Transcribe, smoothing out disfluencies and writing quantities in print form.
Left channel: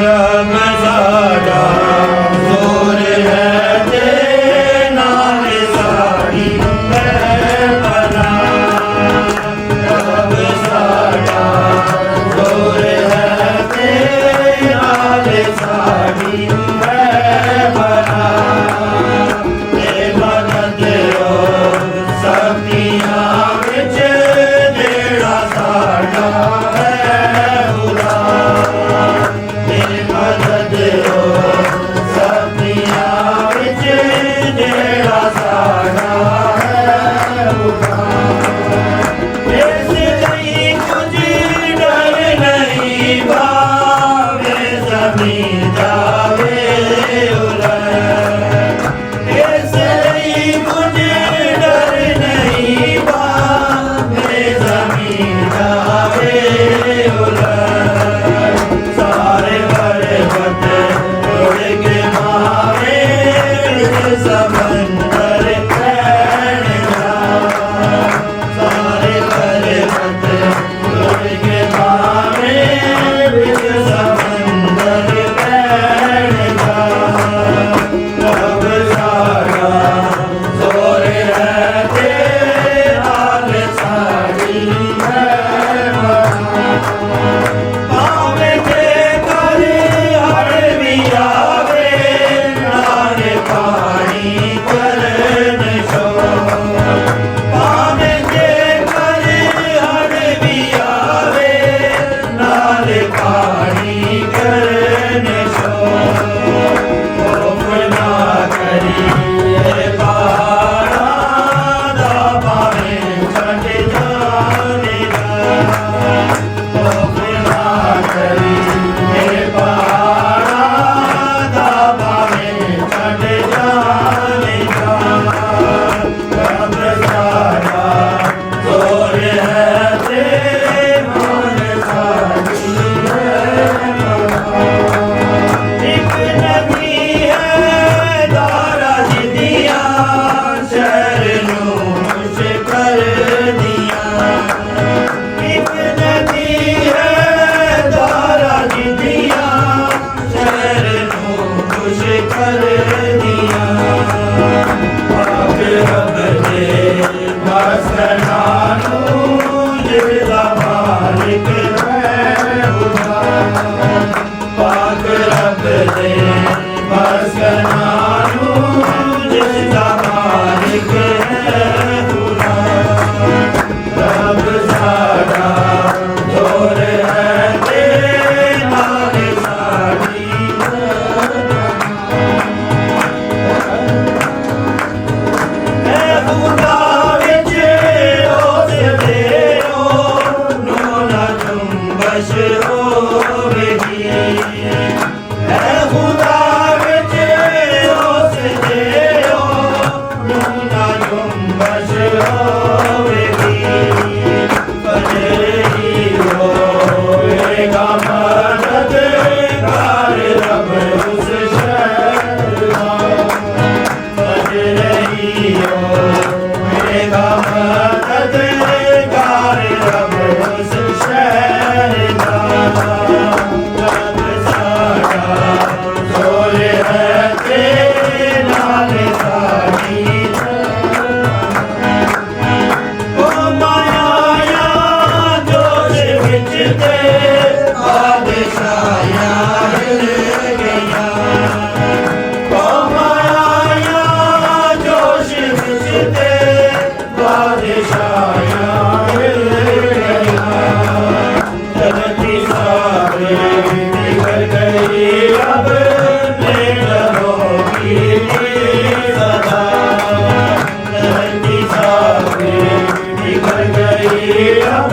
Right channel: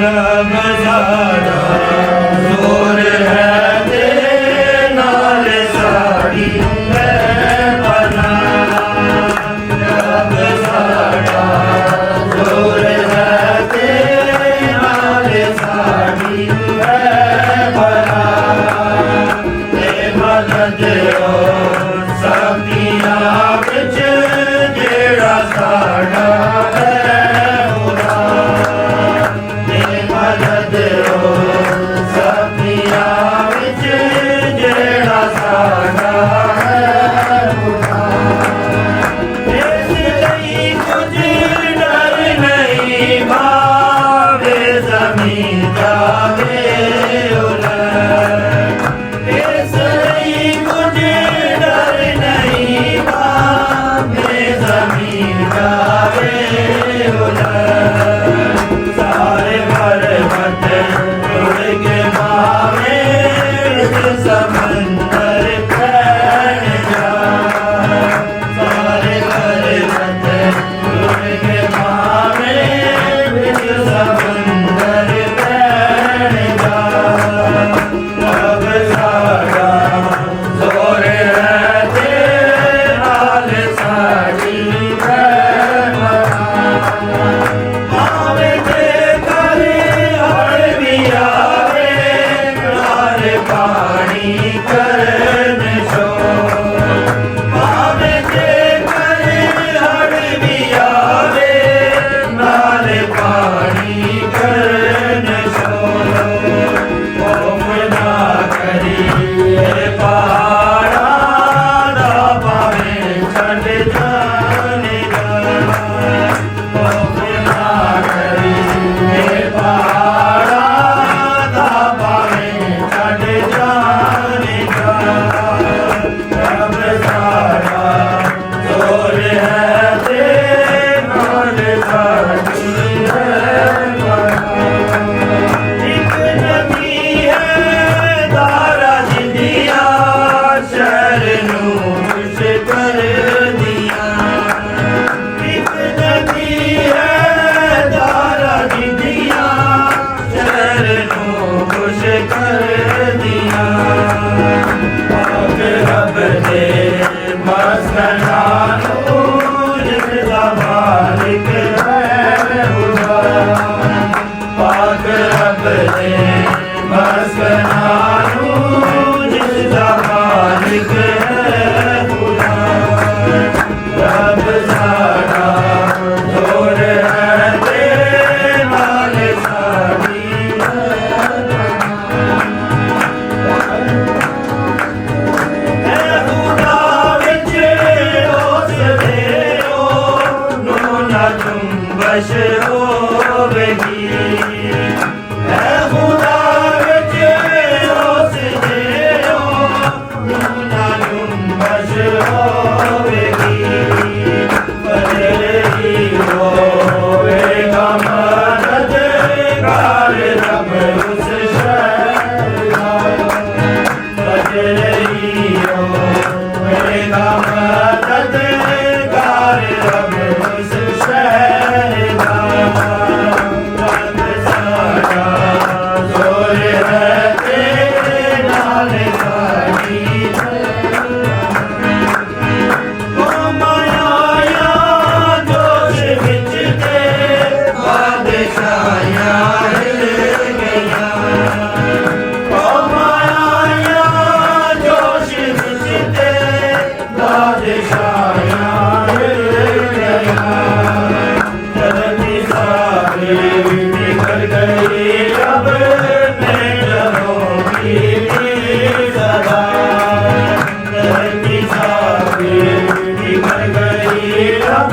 रब साडा जोर है तेरे नाल साड़ी है भला। रब साडा जोर है तेरे नाल साड़ी है भला। ते मदद सखियां विच जेड़ा साडा है खुदा। ते मदद सखियां विच जेड़ा साडा है खुदा। इस लई कुछ डर नहीं भावे ज़मीं जावे उलट। इस लई कुछ डर नहीं भावे ज़मीं जावे उलट। सारे पर्वत उड़ के भावे समंदर फैल जा। सारे पर्वत उड़ के भावे समंदर फैल जा। रब साडा जोर है तेरे नाल साड़ी है भावे ते करे हड़ भी आवे नाल पानी करन शोर। भावे ते करे हड़ भी आवे नाल पानी करन शोर। खौफ ना करिए पहाड़ां दा भावें छड्ड जाणेगा। खौफ ना करिए पहाड़ां दा भावें छड्ड जाणेगा। रब साडा जोर है तेरे नाल साड़ी है भला। एक नदी है दारा जिदिया शहर नूं खुश कर दिया। एक नदी है दारा जिदिया शहर नूं खुश कर दिया। पाक रब दे मस्कनां नूं जिसदा मालिक है खुदा। पाक रब दे मस्कनां नूं जिसदा मालिक है खुदा। रब साडा जोर है तेरे नाल साड़ी है खुदा विच उस देओ नूना जुम्बश होवेगी। है खुदा विच उस देओ नूना जुम्बश होवेगी। फजर ही होवेगा मददगार रब उस शहर का। फजर ही होवेगा मददगार रब उस शहर का। रब साडा जोर है तेरे नाल साड़ी है। ओ माया जोश विच ते बादशाहियां हिल गईयां। ओ माया जोश विच ते बादशाहियां हिल गईयां। धरती सारी बिखर गई अब मेघों की सदा। धरती सारी बिखर गई अब